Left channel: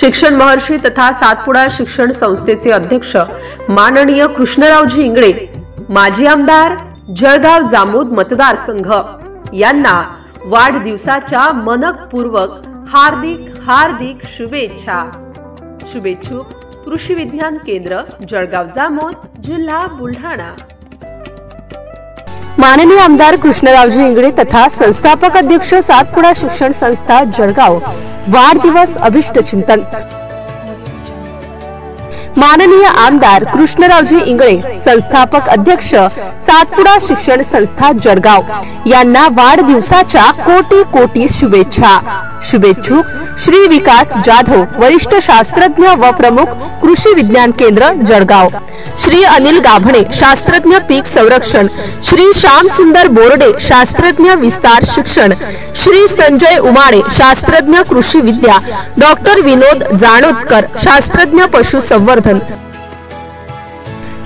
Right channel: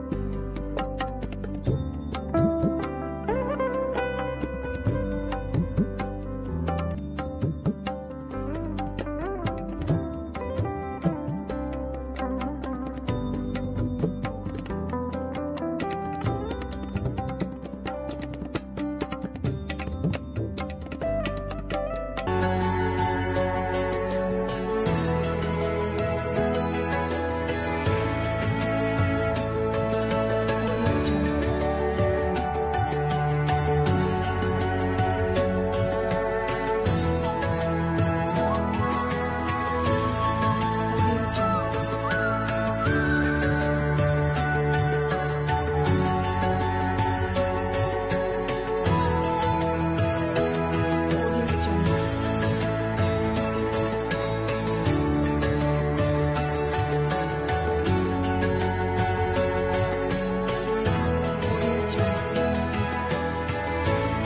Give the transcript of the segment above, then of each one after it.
शिक्षण महर्षी तथा सातपुडा शिक्षण संस्थेचे अध्यक्ष माननीय कृष्णरावजी इंगळे, माजी आमदार जळगाव जामोद मतदारसंघ यांना वाढदिवसाच्या मनपूर्वक हार्दिक शुभेच्छा। शुभेच्छुक कृषी विज्ञान केंद्र जळगाव जामोद, जिल्हा बुलढाणा। माननीय आमदार कृष्णरावजी इंगळे तथा संस्थापक अध्यक्ष सातपुडा शिक्षण संस्था जळगाव वाढदिवस अभिष्ट चिंतन। माननीय आमदार कृष्णरावजी इंगळे संस्थापक अध्यक्ष सातपुडा शिक्षण संस्था जळगाव यांना वाढदिवसाच्या कोटी कोटी शुभेच्छा। शुभेच्छुक श्री विकास जाधव, वरिष्ठ शास्त्रज्ञ व प्रमुख कृषी विज्ञान केंद्र जळगाव, श्री अनिल गाभणे, शास्त्रज्ञ पीक संरक्षण, श्री श्याम सुंदर बोर्डे, शास्त्रज्ञ विस्तार शिक्षण, श्री संजय उमाळे, शास्त्रज्ञ कृषी विद्या, डॉक्टर विनोद जानोदकर, शास्त्रज्ञ पशुसंवर्धन,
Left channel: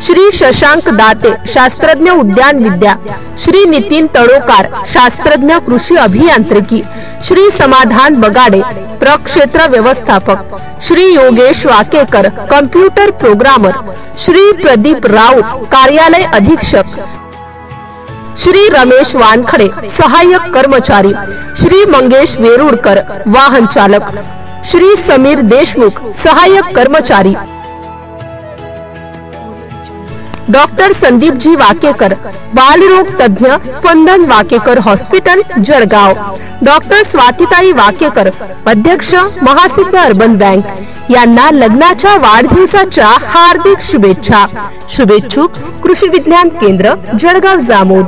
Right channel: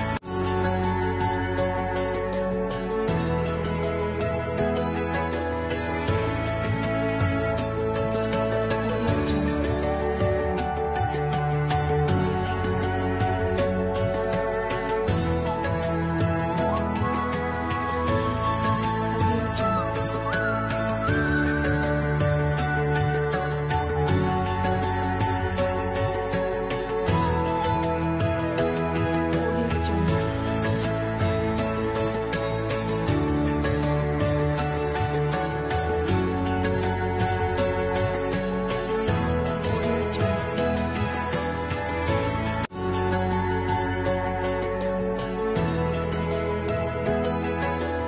श्री शशांक दाते, शास्त्रज्ञ उद्यान विद्या, श्री नितीन तळोकार, शास्त्रज्ञ कृषी अभियांत्रिकी, श्री समाधान बगाडे, प्रक्षेत्र व्यवस्थापक, श्री योगेश वाकेकर, कंप्यूटर प्रोग्रामर, श्री प्रदीप राऊत, कार्यालय अधीक्षक, श्री रमेश वानखडे, सहाय्यक कर्मचारी, श्री मंगेश वेरुडकर, वाहन चालक, श्री समीर देशमुख, सहाय्यक कर्मचारी, डॉक्टर संदीपजी वाकेकर, बालरोग तज्ञ, स्पंदन वाकेकर हॉस्पिटल जळगाव, डॉक्टर स्वातिताई वाकेकर, अध्यक्ष महासिद्ध अर्बन बँक यांना लग्नाच्या वाढदिवसाच्या हार्दिक शुभेच्छा। शुभेच्छुक कृषी विज्ञान केंद्र जळगाव जामोद।